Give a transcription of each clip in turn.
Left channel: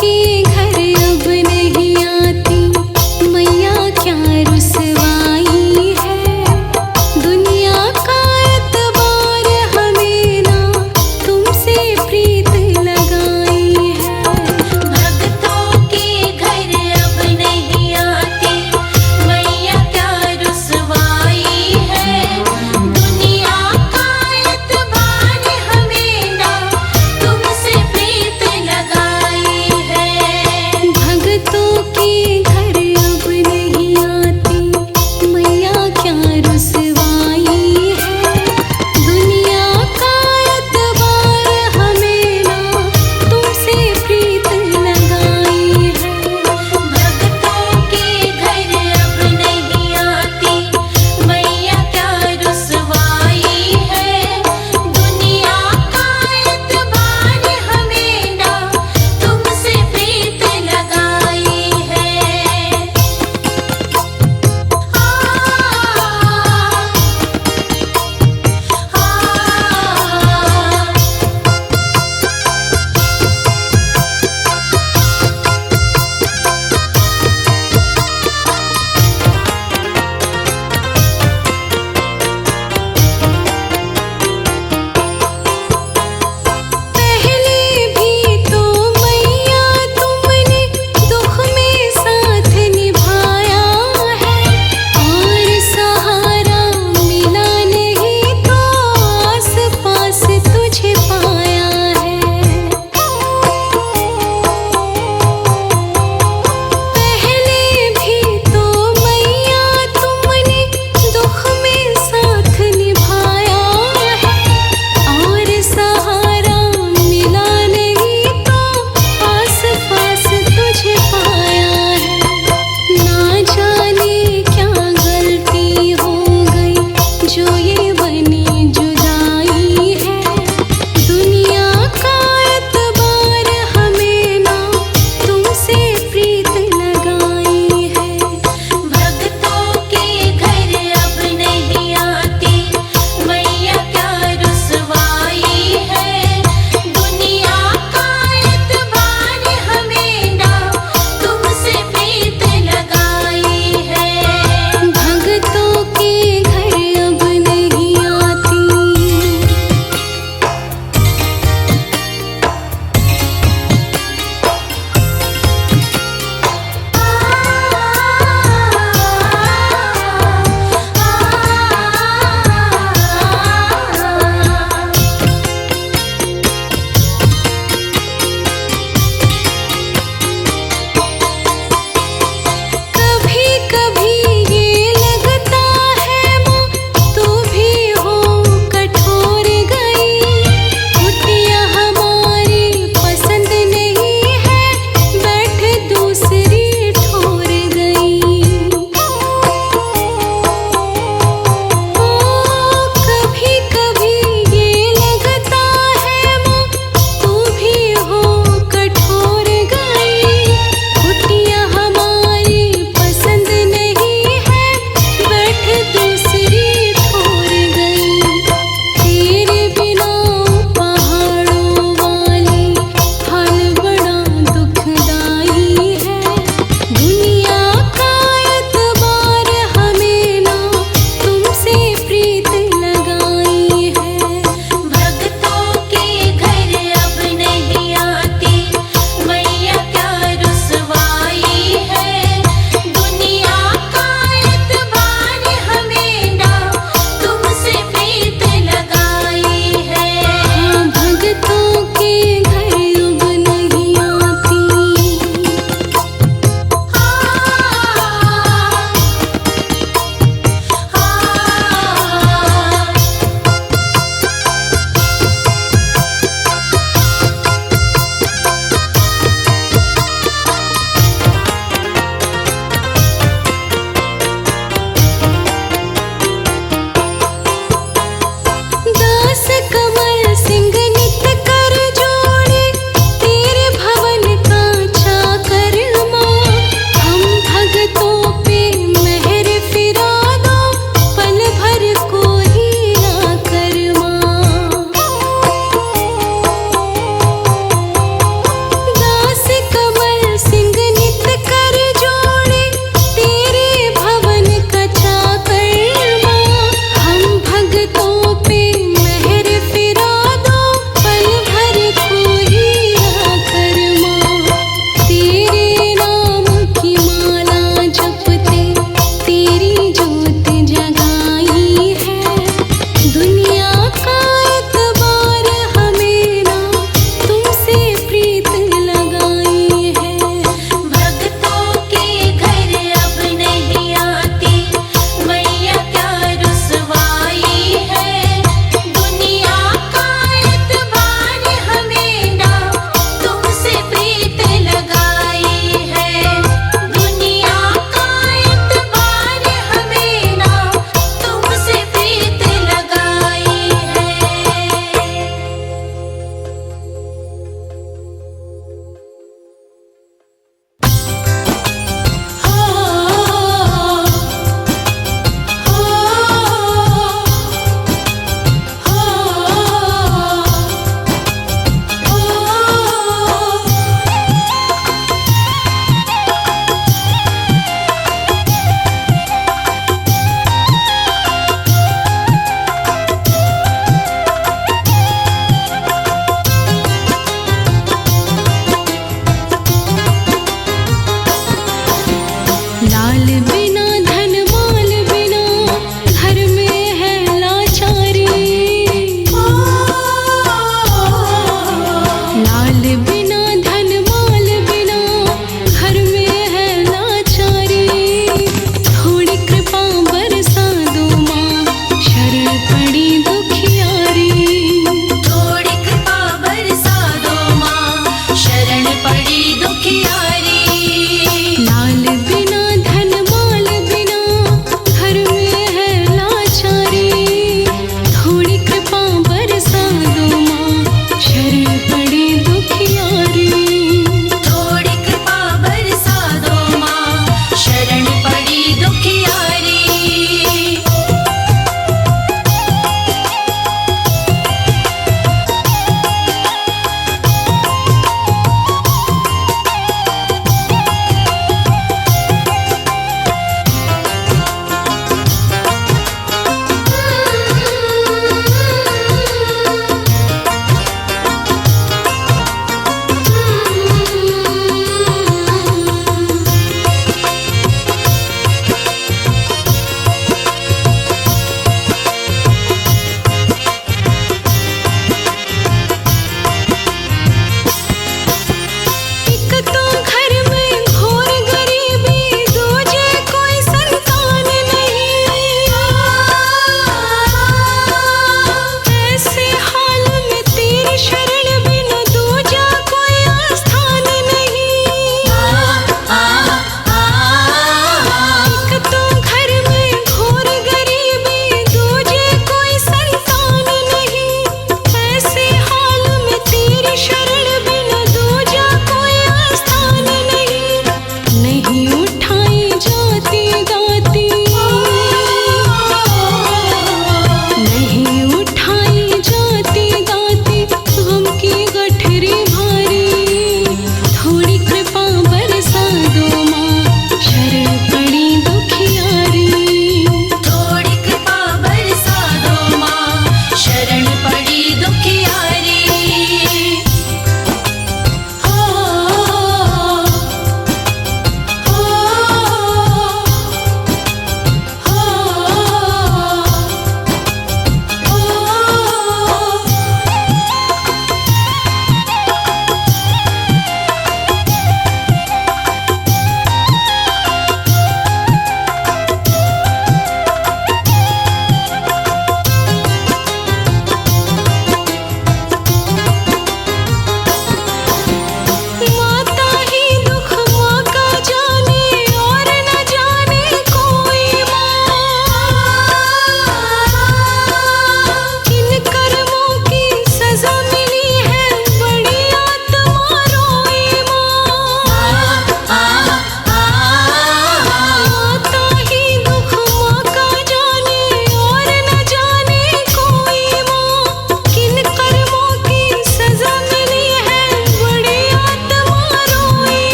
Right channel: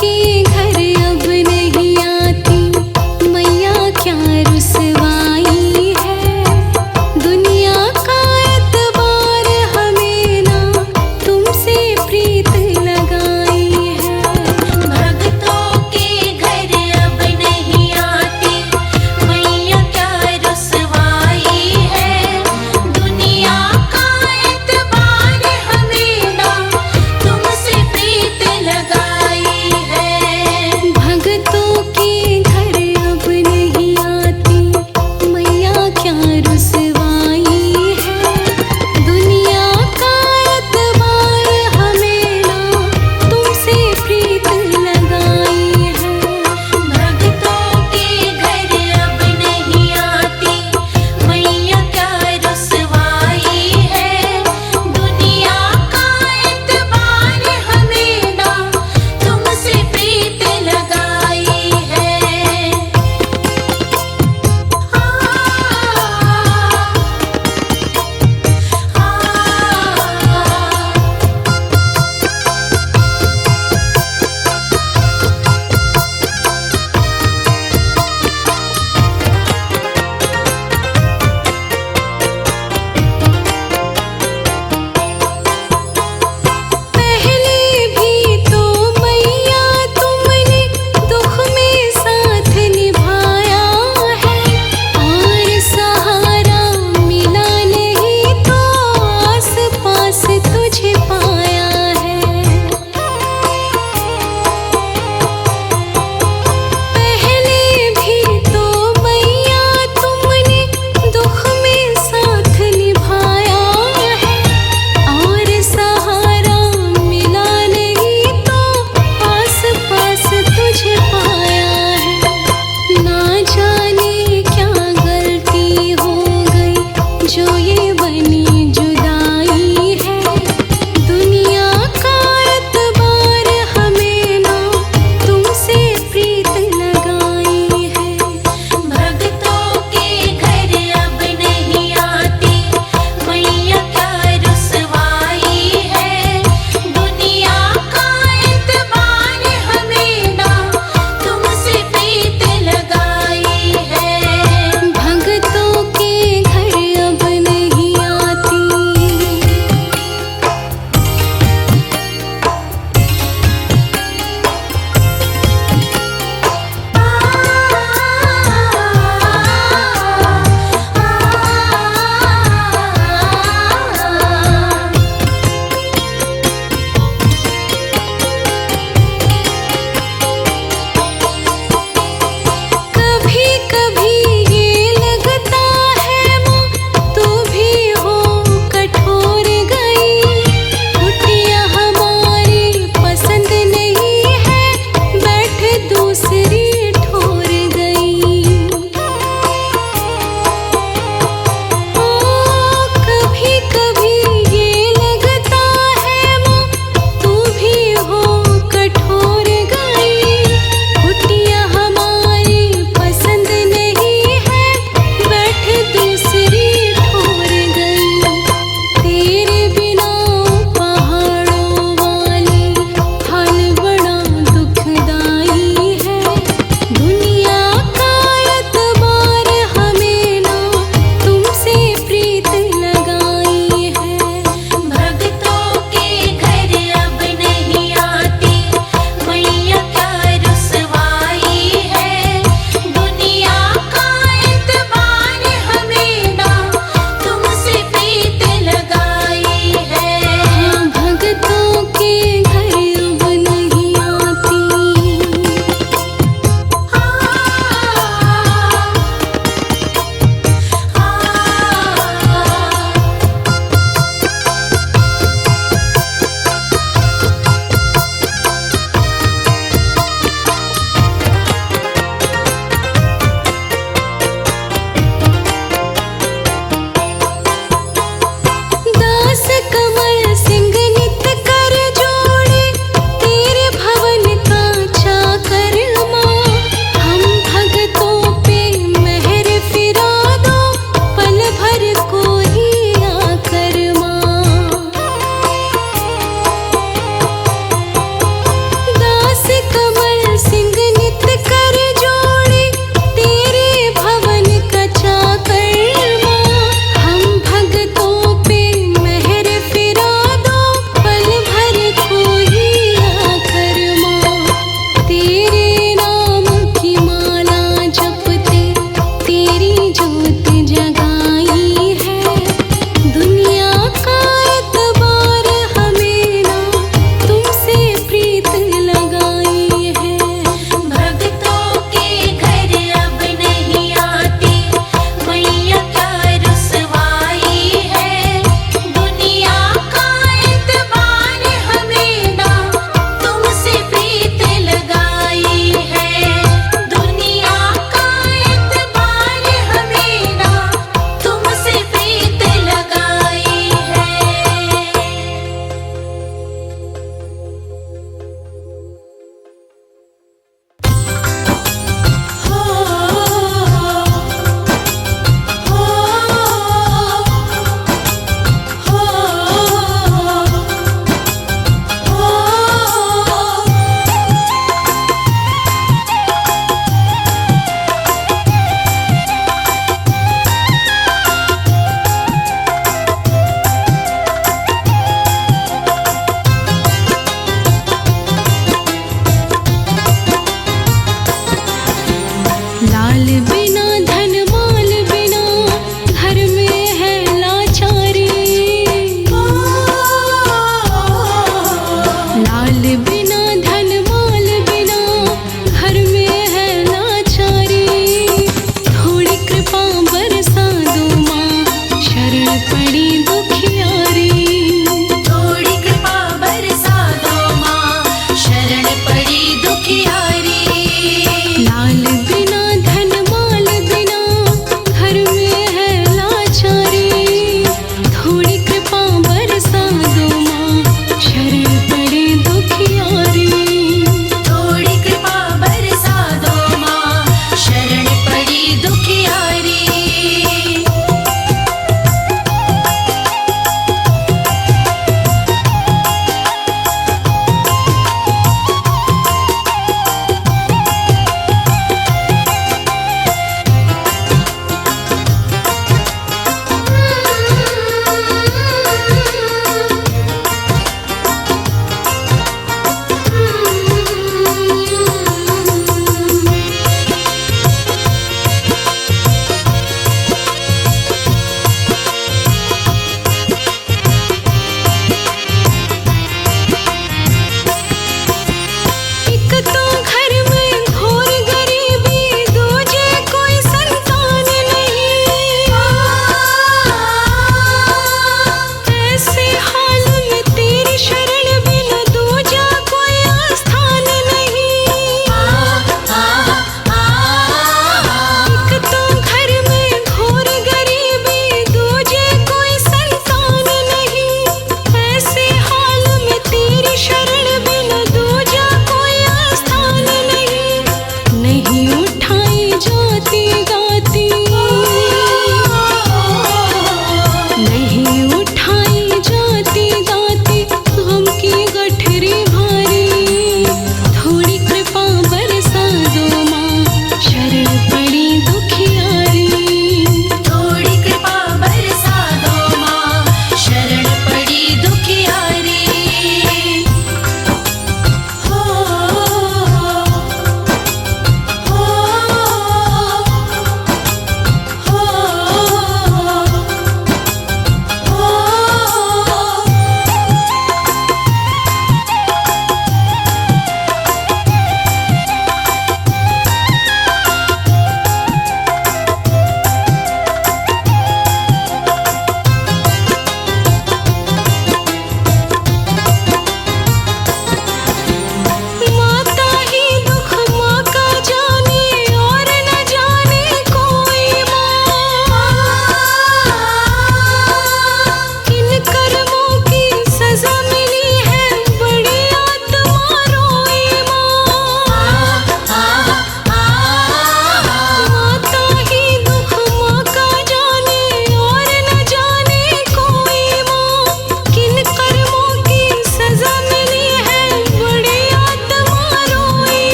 के घर अब नहीं आती, मैया क्या रुसवाई है। दुनिया का एतबार हमें ना तुमसे प्रीत लगाई है। भक्तों के घर अब नहीं आती, मैया क्या रुसवाई है। दुनिया का एतबार हमें ना तुमसे प्रीत लगाई है।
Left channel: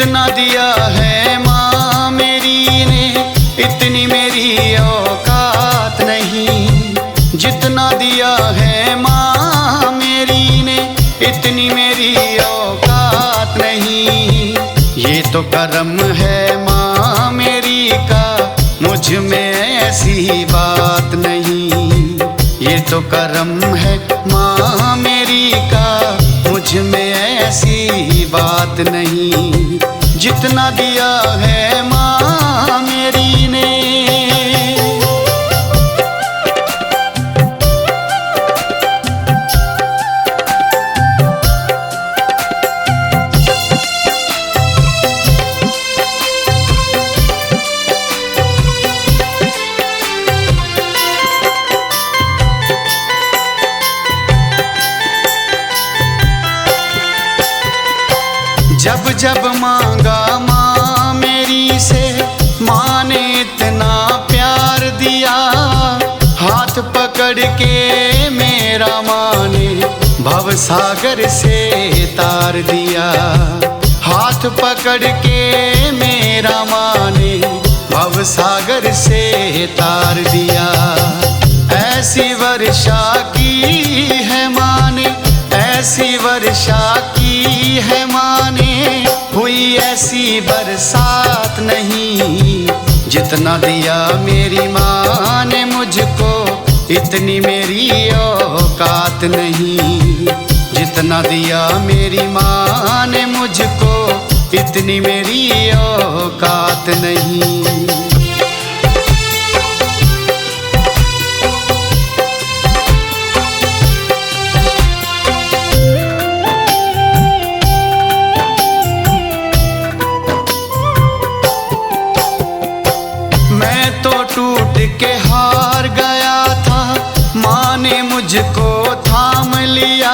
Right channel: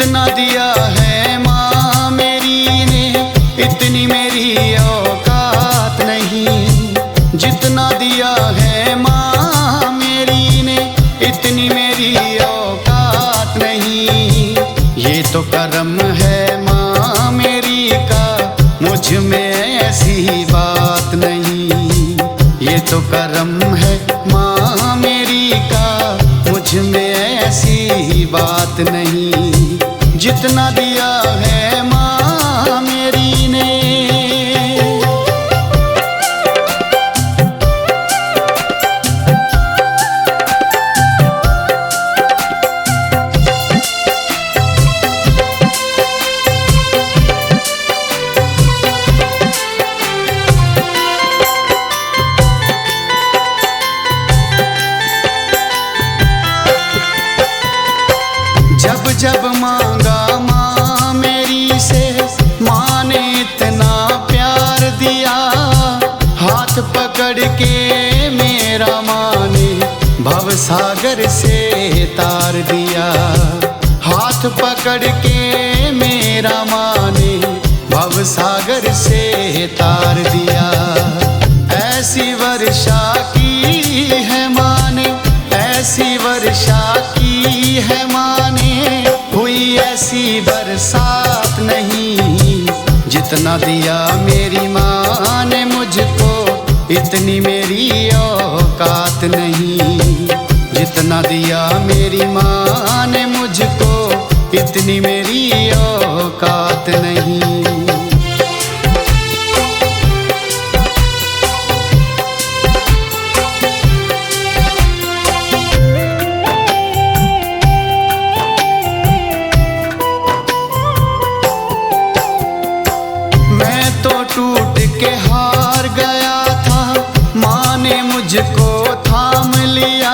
जितना दिया है माँ मेरी ने इतनी मेरी औकात नहीं। जितना दिया है माँ मेरी ने इतनी मेरी औकात नहीं। ये तो करम है माँ मेरी का, मुझ में ऐसी बात नहीं। ये तो करम है माँ मेरी का, मुझ में ऐसी बात नहीं। जितना दिया है माँ मेरी ने। जब जब मांगा माँ मेरी से, माँ ने इतना प्यार दिया। हाथ पकड़ के मेरा माँ ने भव सागर से तार दिया। हाथ पकड़ के मेरा माँ ने भव सागर से तार दिया। ऐसी वर्षा की है माँ ने, ऐसी वर्षा की है माँ ने, हुई ऐसी बरसात नहीं। जितना दिया मेरी माँ ने मुझको, इतनी मेरी औकात नहीं। जितना दिया मेरी माँ ने मुझको, इतनी मेरी औकात नहीं। मैं तो टूट के हार गया था, माँ ने मुझको थाम लिया।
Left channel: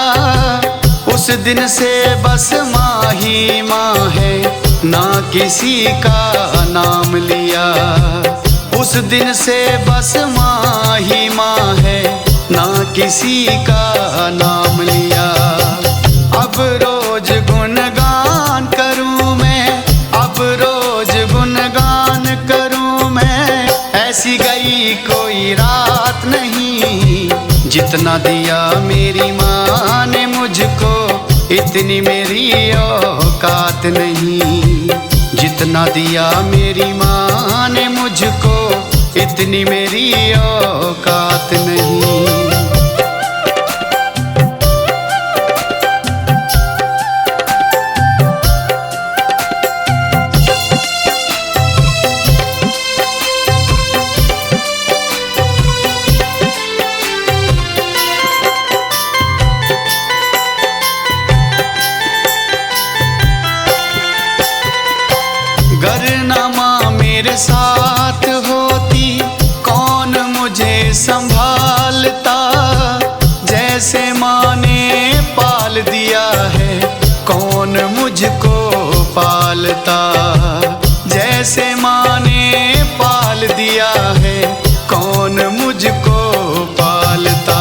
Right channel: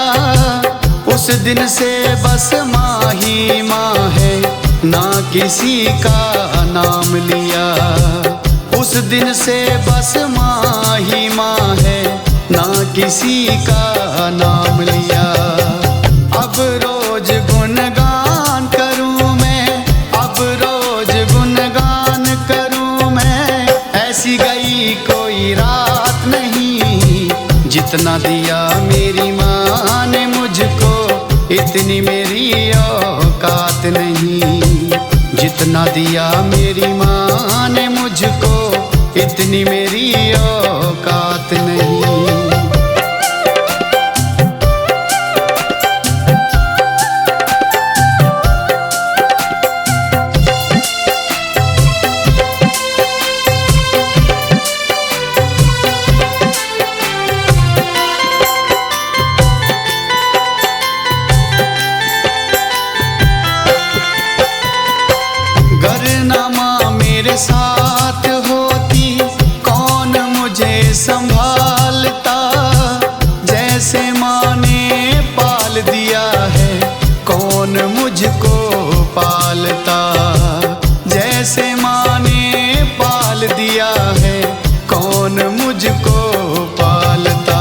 उस दिन से बस माँ ही माँ है, ना किसी का नाम लिया। उस दिन से बस माँ ही माँ है, ना किसी का नाम लिया। अब रोज गुणगान करूँ मैं, अब रोज गुणगान करूँ मैं, ऐसी गई कोई रात नहीं। जितना दिया मेरी माँ ने मुझको, इतनी मेरी औकात नहीं। जितना दिया मेरी माँ ने मुझको, इतनी मेरी औकात नहीं। गर ना माँ मेरे साथ होती, कौन मुझे संभालता। जैसे माँ ने पाल दिया है, कौन मुझको पालता। जैसे माँ ने पाल दिया है, कौन मुझको पालता।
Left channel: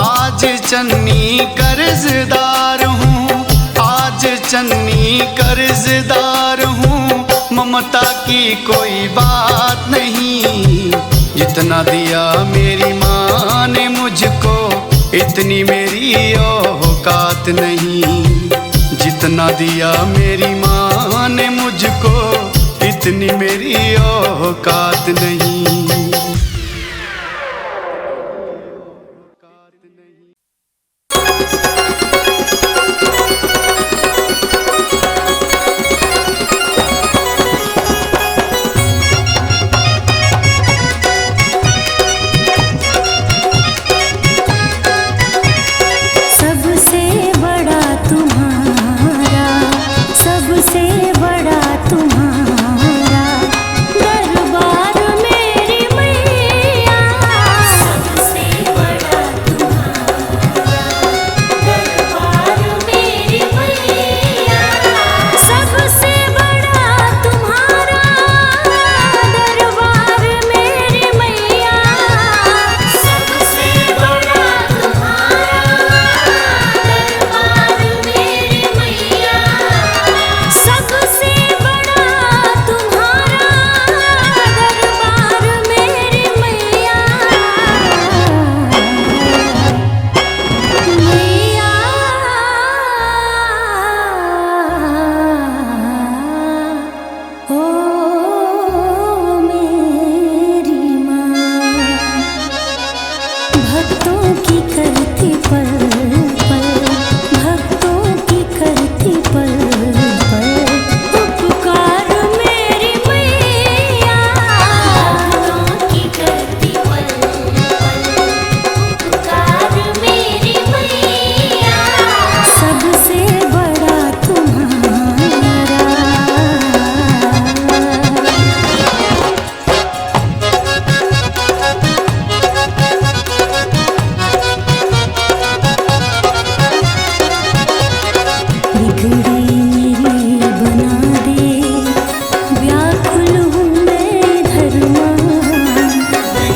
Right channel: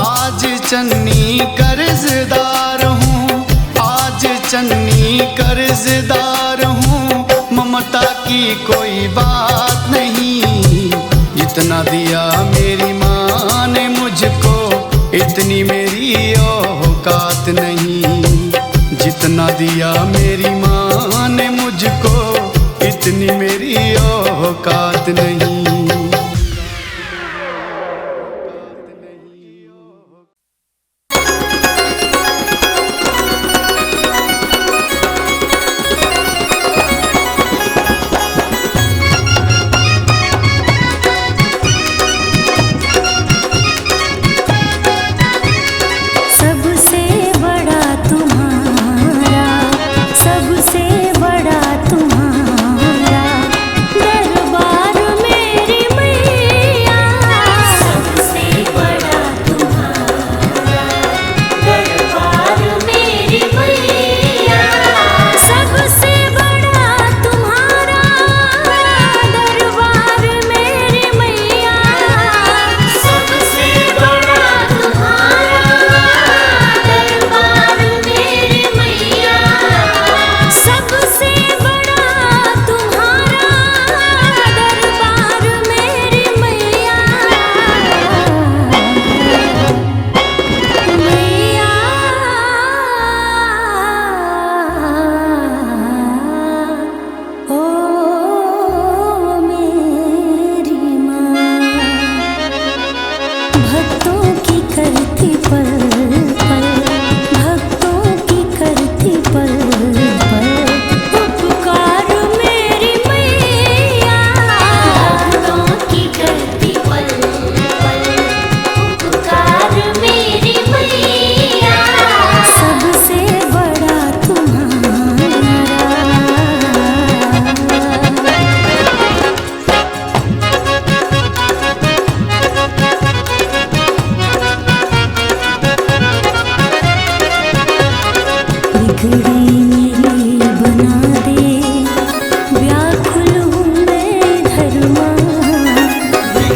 आज चन्नी कर्जदार हूँ, आज चन्नी कर्जदार हूँ, ममता की कोई बात नहीं। जितना दिया मेरी माँ ने मुझको, इतनी मेरी औकात नहीं। जितना दिया मेरी माँ ने मुझको, इतनी मेरी औकात नहीं। सबसे बड़ा तुम्हारा दरबार मेरी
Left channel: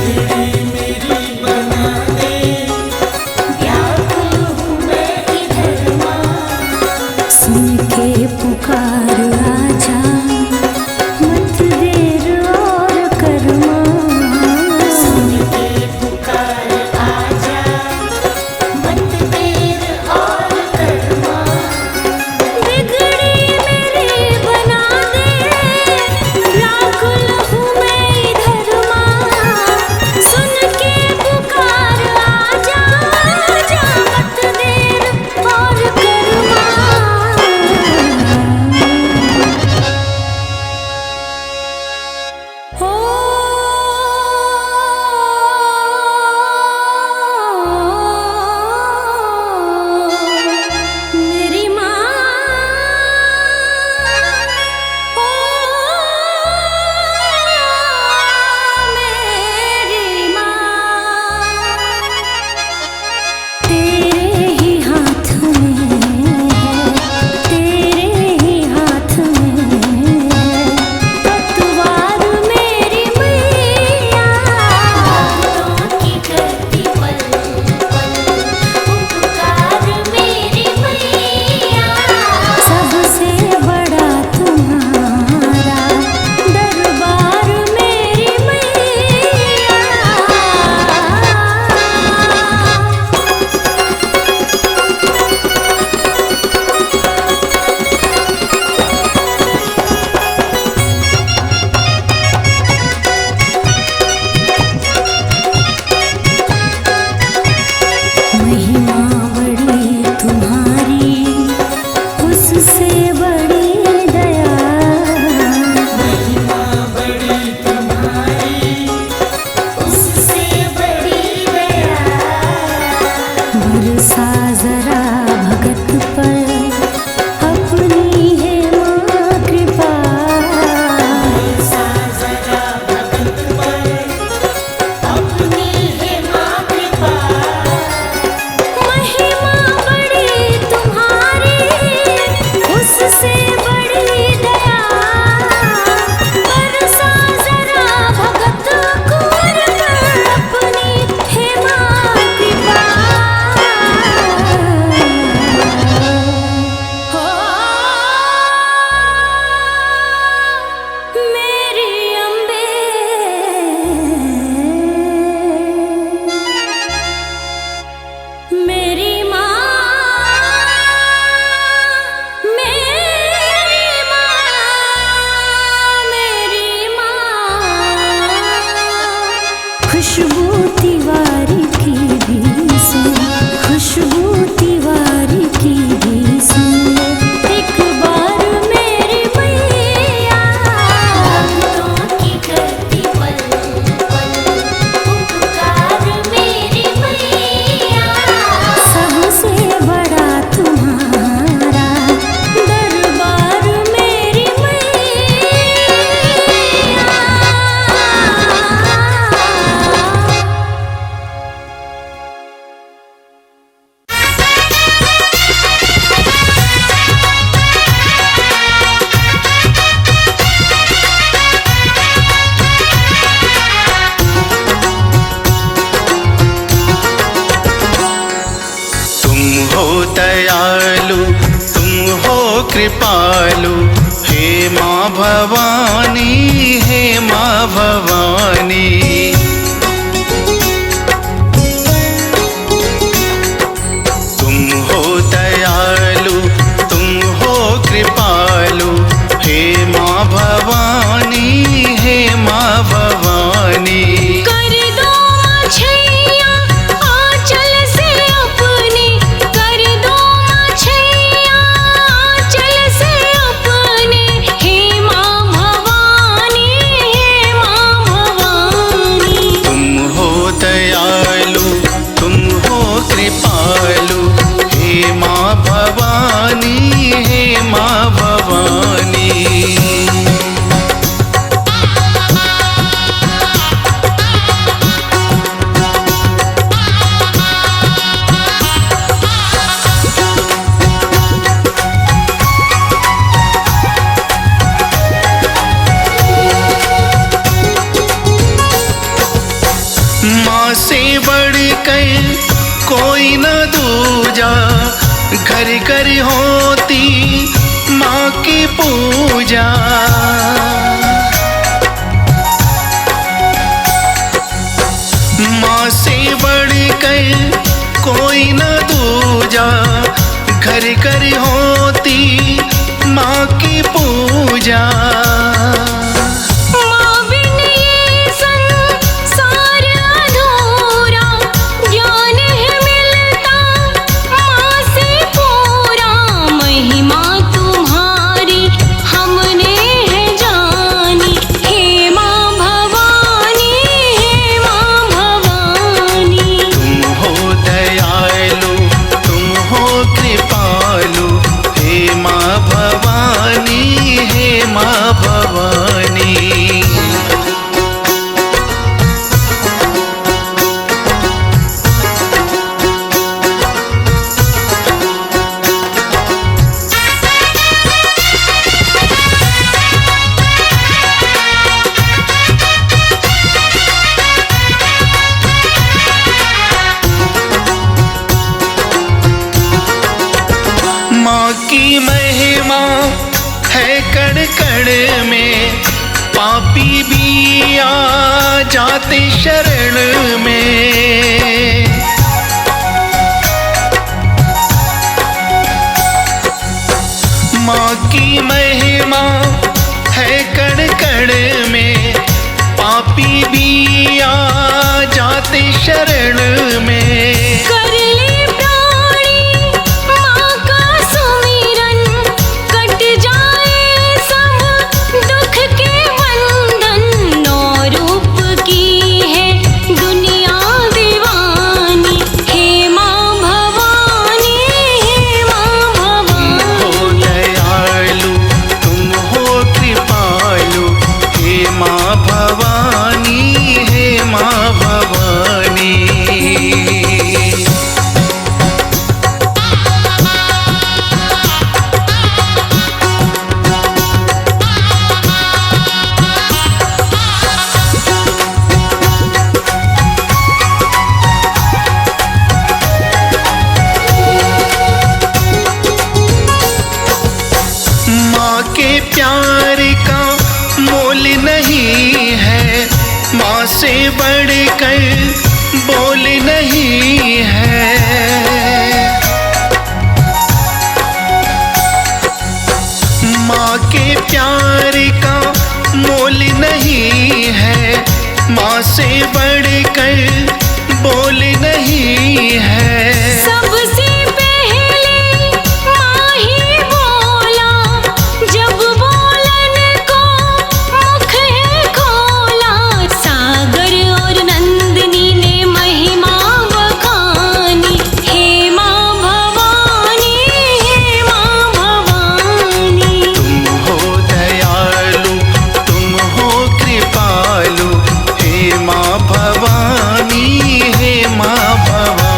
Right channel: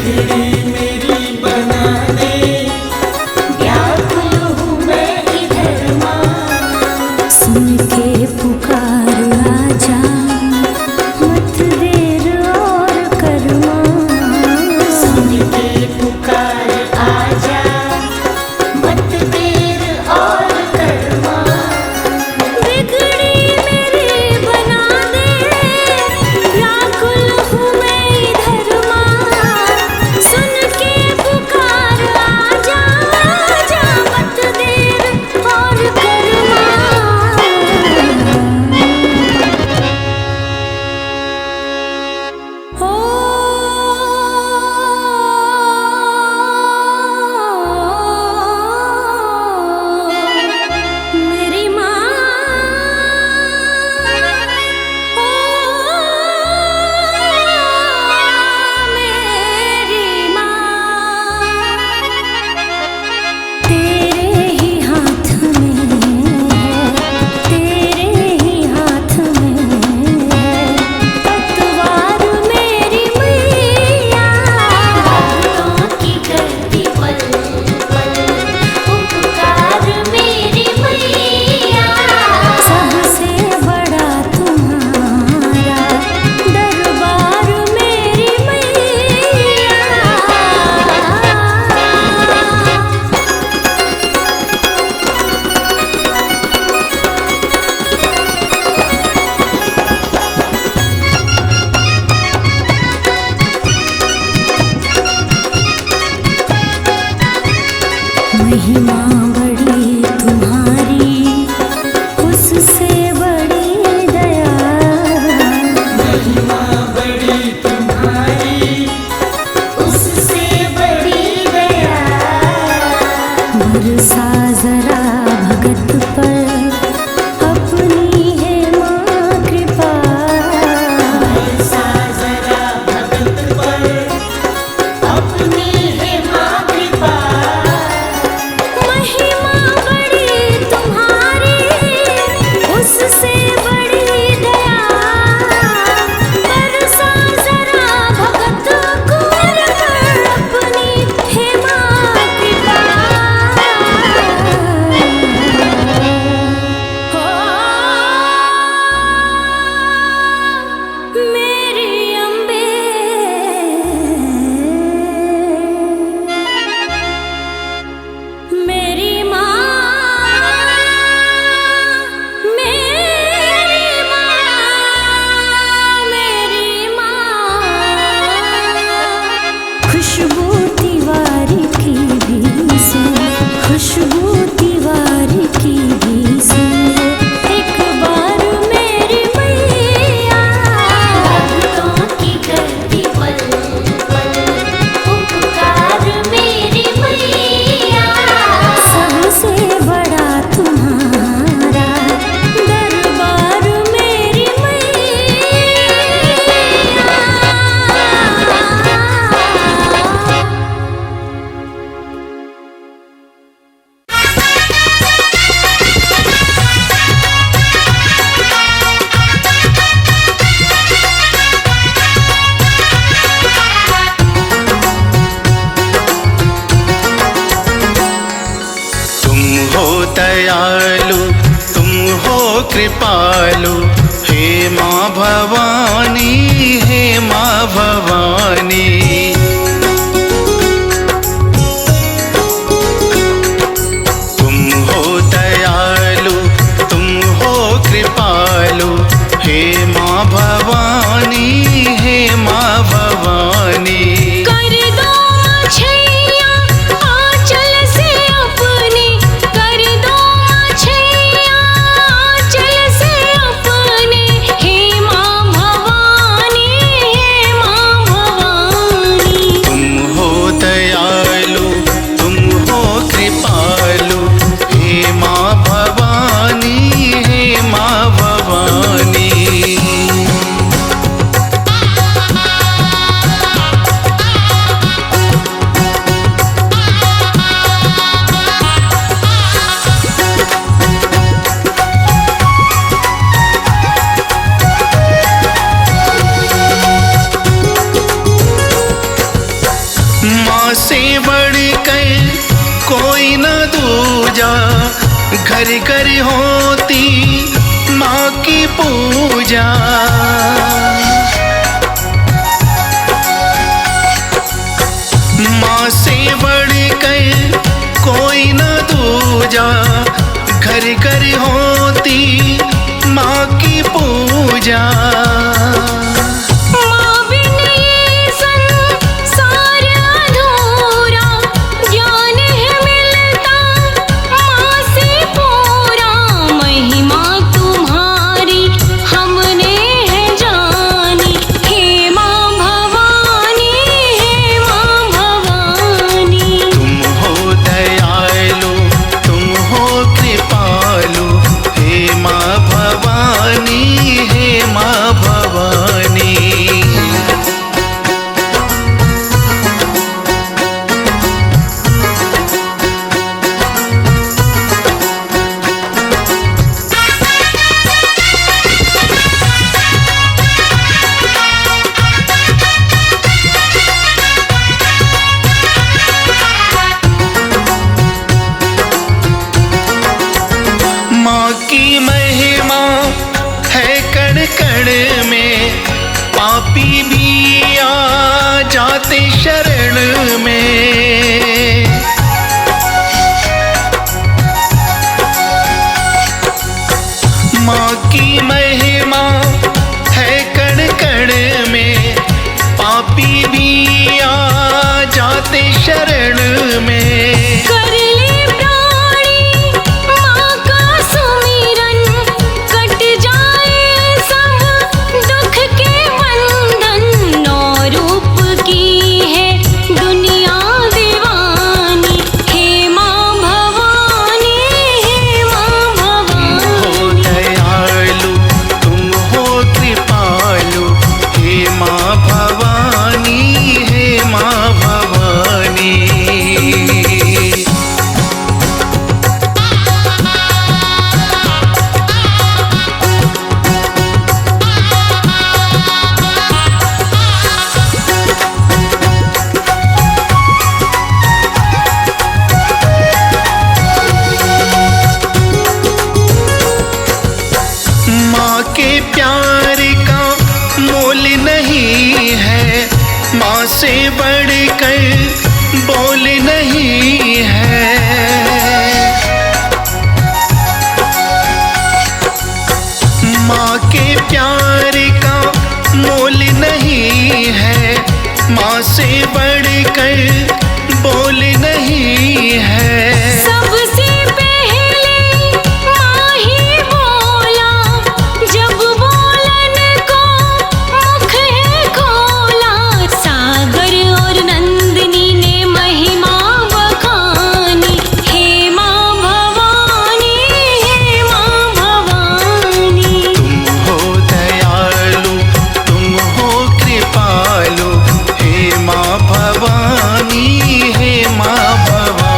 बिगड़ी मेरी बना दे, व्याकुल हूँ मैं इधर माँ। सुन के पुकार आजा, मत देर और कर माँ। सुन के पुकार आजा, मत देर और कर माँ। बिगड़ी मेरी बना दे, व्याकुल हूँ मैं इधर माँ। सुन के पुकार आजा, आजा मत देर और कर माँ। ओ मेरी माँ, ओ मेरी माँ, तेरे ही हाथ में है, तेरे ही हाथ में है पतवार मेरी मैया। भक्तों की करती पल पल उपकार मेरी मैया। सबसे बड़ा तुम्हारा दरबार मेरी मैया। महिमा बड़ी तुम्हारी, उससे बड़ी दया। महिमा बड़ी तुम्हारी, उससे बड़ी दया। बरसा जरा भगत पर अपनी है माँ कृपा। ऐसा जरा भगत पर अपनी है माँ कृपा। महिमा बड़ी तुम्हारी, उससे बड़ी दया। बरसा जरा भगत कुंवर पर अपनी है माँ कृपा। हो मेरी अम्बे, मेरी माँ, मेरी माँ, मेरी माँ। खुशबू तिवारी की भी सुन, खुशबू तिवारी की भी सुन ले एक बार मेरी मैया। भक्तों की करती पल पल उपकार मेरी मैया। सबसे बड़ा तुम्हारा दरबार मेरी मैया। तुम हो दयालु, तुम हो कृपालु, हे माँ भवानी, हे माँ भवानी। तुम हो दयालु, तुम हो कृपालु, हे माँ भवानी, हे माँ भवानी। कर दो छैया आंचल से अपनी, कर दो छैया आंचल से अपने। हे माँ भवानी, हे माँ भवानी। तुम हो दयालु, तुम हो कृपालु, हे माँ भवानी, हे माँ भवानी। माँ से बढ़कर कोई न दूजा, घर घर होती माँ की पूजा। माँ से बढ़कर कोई न दूजा, घर घर होती माँ की पूजा। माँ बिन ये संसार अधूरा, ज्ञान है मिलता माँ से पूरा। महिमा तुम्हारी हमने है जानी, हे माँ भवानी, हे माँ भवानी। तुम हो दयालु, तुम हो कृपालु, हे माँ भवानी, हे माँ भवानी। माँ की महिमा है कण कण में, पापी भी आ जाते शरण में। माँ की महिमा है कण कण में, पापी भी आ जाते शरण में। कर ले प्राणी माँ का सुमिरन, कट जाए सब दुख के बंधन। नौ रूप की है दुनिया दीवानी, हे माँ भवानी, हे माँ तुम हो भवानी। दयालु, तुम हो कृपालु, हे माँ भवानी, हे माँ भवानी। माँ के प्यार का मोल नहीं है, माँ से बढ़कर बोल नहीं है। माँ के प्यार का मोल नहीं है, माँ से बढ़कर बोल नहीं है। सबसे पहले माँ ही बोला, जब बोलन को मुख है खोला। सागर और नंदिनी ने महिमा बखानी, हे माँ भवानी, हे माँ भवानी। तुम हो दयालु, तुम हो कृपालु, हे माँ भवानी, हे माँ भवानी।